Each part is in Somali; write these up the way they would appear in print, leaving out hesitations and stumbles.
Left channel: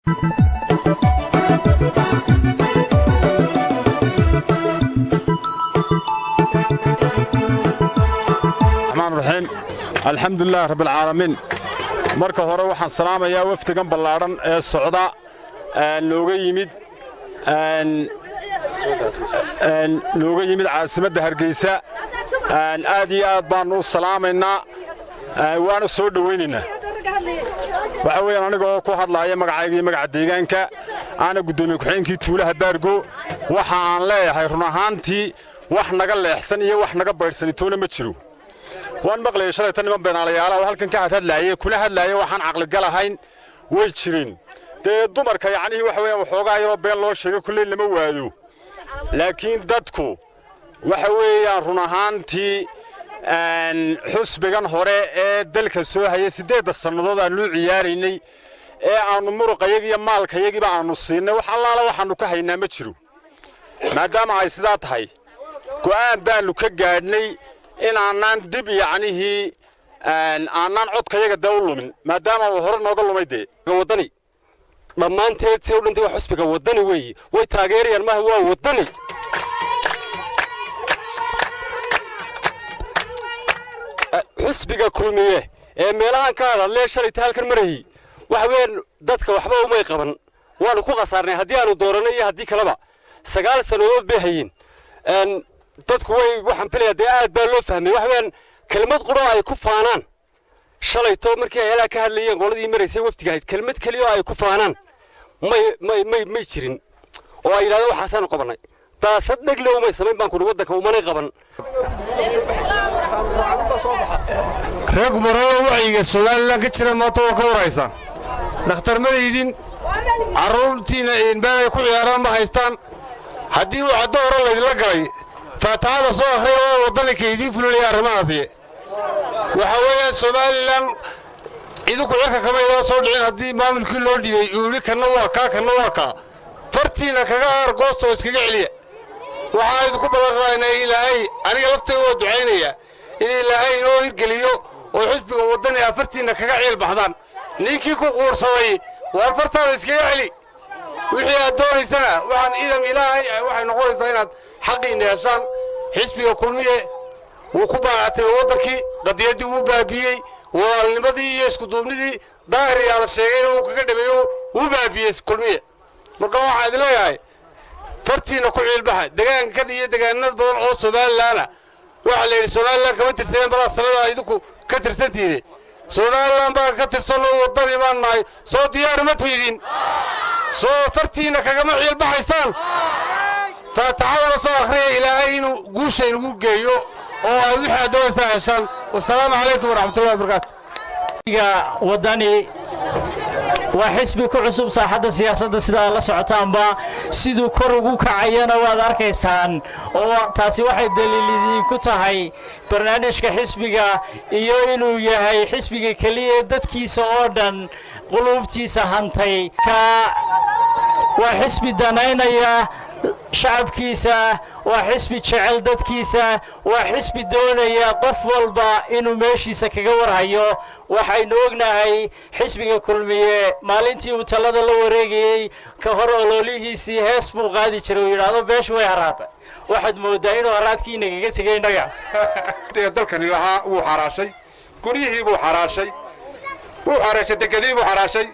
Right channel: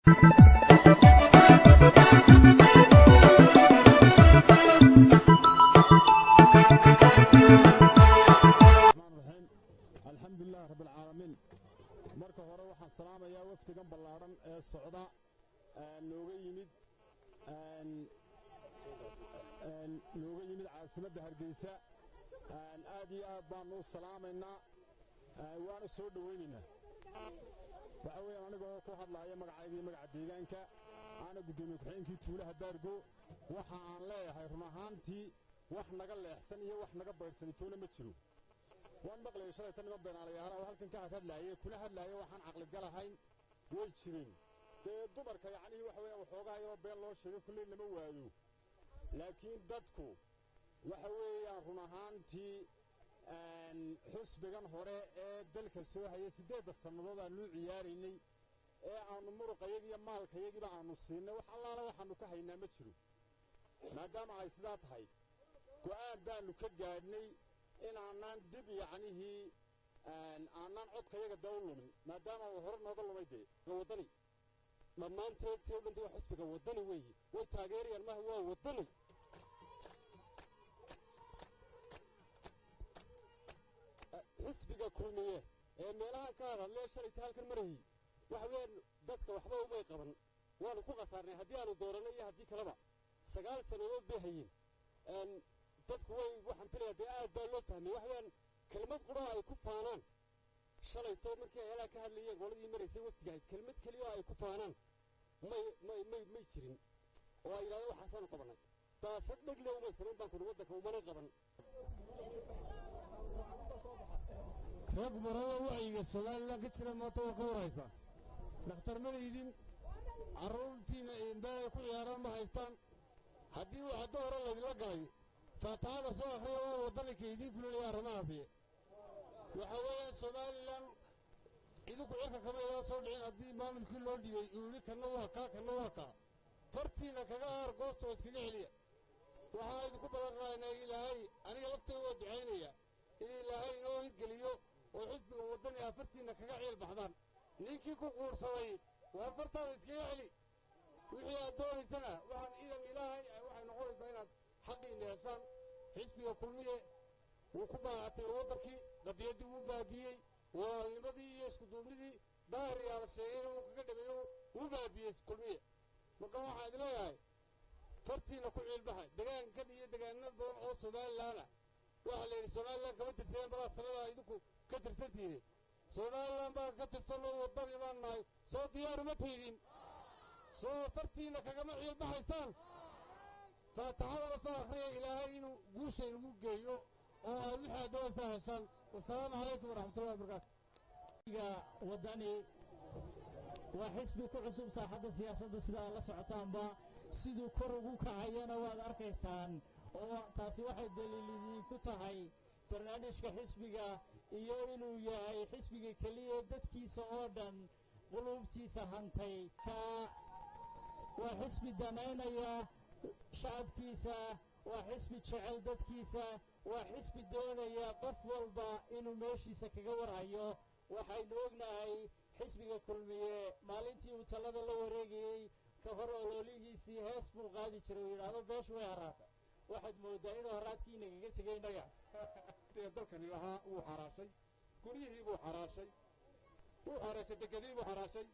الحمد لله رب العالمين marka hore waxaan salaamayaa wafdigan ballaaran ee socda looga yimid caasimadda Hargeysa aad iyo aad baan u salaamaynaa waana soo dhaweynaynaa waxa weeyaan anigoo ku hadlaaya magacayga iyo magaca deegaanka ana gudoomiye ku-xigeenkii tuulaha Baargo waxa aan leeyahay run ahaantii wax naga leexsan iyo wax naga baydhsanitoona ma jiro waan maqlay shalay tan niman beenaalayaal oo halkan ka hadlaayay kuna hadlaayay waxaan aqli galahayn way jireen dumarka yacni waxa weeyaan waxoogaa yaro been loo sheegay kulay lama waado laakiin dadku waxa weeyaan run ahaantii xusbigan hore ee dalka soo hayay 8 sanadood aan loo ciyaaraynay ee aanu muruqayga iyo maalkayagiba aanu siinay wax allaala waxaanu ka haynaa ma jiro maadaama ay sidaa tahay go'aan baanu ka gaadhnay in aanan dib yacnihi aanan codkayaga dawlumin maadaama uu hore nooga lumayde wadani dhammaanteed si u dhintay wax xusbiga wadani weeye way taageerayaan maaha waa wadani xusbiga kulmiye ee meelahan ka hadalay shalay halkan maray wax weyn dadka waxba uma qaban waanu ku qasaarnay haddii aanu dooranay iyo haddii kaleba 9 sanadood bay hayeen dadku way waxaan filayaa aad baa loo fahmay wax weyn kelmad qoro ay ku faanaan shalay to markii ay ka hadlayeen qoladii mareysay waftiga ahayd kelmad kaliya ay ku faanaan may jirin oo ay yiraahdeen waxaasaan qabanay taasad dhagle uma sameyn baan ku wadanka uma qaban reer gumaraha wacyiga Soomaaliland ka jira maanta oo ka waraysan dhakhtar mareydin caruurtiina in baa ku ciyaaraan ma haystaan haddii uu caddo hore la galay فتعالى صاحي وطني كيدي فلولي أرماثي وحوالي سوماليلاند إذا كنت كما إذا صدقين هدي ما من كل لون دي يقولي كنواكا فرتينا كجار قصة وسكجعلية وحايد كبرنا إلهي أنا قلت هو دعينية إلهي نور قليو وحسب وطني فرتينا كجعل بحضان نيكي كقور صوي وفرتنا وسكجعلي وحي الدور سنة وعن إلهي وحي نقول سنة حقي نيشان حسبي كلمية وكبعتي وضركي قضيتي وبابيي والنبضي يسكتوني ظاهري على الشيء وكذا وبابيي كلمية مرقوا عاد لا ياي فرتينا كل البحر دجان كذي دجان الناس بدون أوصل لا وعلى سؤال لا كمان ترسلين برا السنة يدكوا كتر سنتيني سؤال لا بقى كتر سنة وضري ما ناي صوت ديار ما تفيدين صوت فرتينا كجماعة البحر يستان فتعالوا صاحي إلى أين قوشين وجيو أو وحدة دوسة عشان والسلام عليكم ورحمة الله وبركاته. وداني وحسبي كعصب صاحب السياسة سيدا الله سعتان با سيدو كروجو كعيانا وذاركيسان أو تاسي واحد دليل كتاهي برنامج كحسبي إيو إنو يهاي حسبي كليه دتكي سعودان قلوبتي سهنتي كا وحسبي دانينا يا شعبكيسا وحسب جعل ددكيسا وحسب دونيا قف والبا إنه ماشيسا كجور هيو وحين وجناهي حسب كلمية مالنتي وتلاد الله ورجعي كهر أوليه سي حسب قاضي شروي هذا بيش ويهرب واحد مودين وهرات كي نجيت تجي نجا تقدر كان لها وحراشي كوريه وحراشي وحراشي تكذب وحراشي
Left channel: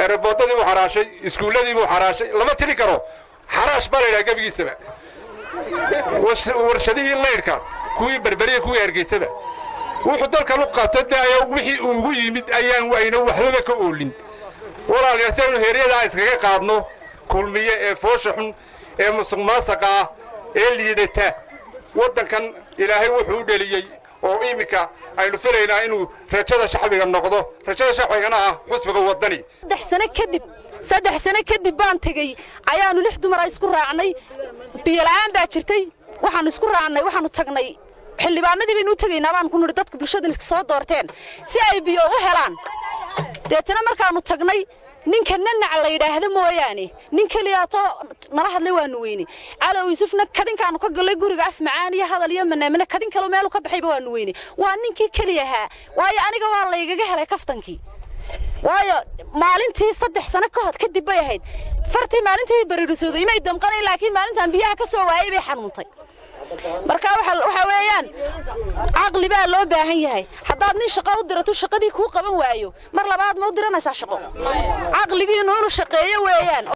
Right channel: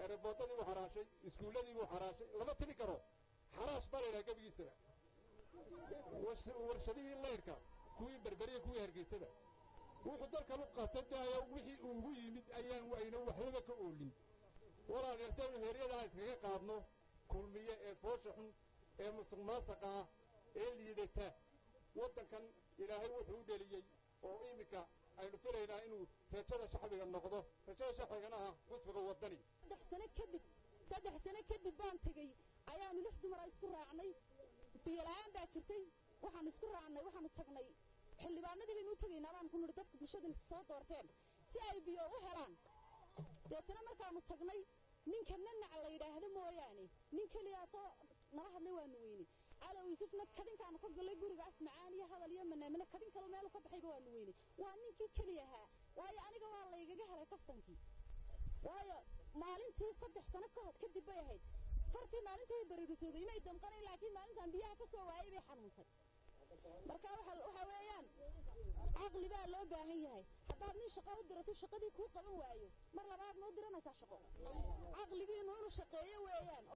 ربوتي وحراشي إسكولي وحراشي لما تري كرو حراش بالي قبل السبع ورشديه الله يركب كوي بربريه كوي يرجع سبع وحضر كلقة تدعي وحي وهي مد أيام وين وحلبك أولين ورا اليسون هريه ده إسكاك قادنو كل مية فوشحن مسمى سقا اللي يدته وده كان إلهي وحود لي أو إيمكا أي نفرينا إنه رجال شعبي النقضه رجال شعبي أنا حسب وطني دحسنا كذب saddex sano kadib baan tagay ayaanu 6 dumar isku raacnay biilaan baa jirtay waxaan isku raacnay waxaanu tagnay xillibaanadii baynu tagaynaa baan ku niri dadka bulshada soo doorteen si ay biyo u helaan deetana markaanu tagnay ninka nanac la yiraahdo mooyaane nin kaliya to nala hadlay waanu weyni calo yusufna kadinkaanu ka galay guriga af macaan iyo hadal iyo manaamina kadin kale meel ka baxayba waanu weyni waa ninkii kaliya waayo aniga waa la igaga helay kaftankii waayo maalintii 3 sano kadib bay ahayd fartii maalintii bariirisooday imay damqanay laakiin maalintan biyaha ka soo waayay bay xanuuntay marka waxa weeyaan aqli baa loo baahan yahay hadaad nin shaqo u dirato shaqadii ku qaban waayo mar labaad ma u diranaysaa shaqo aqligiina uu shaqeeyo weeyaan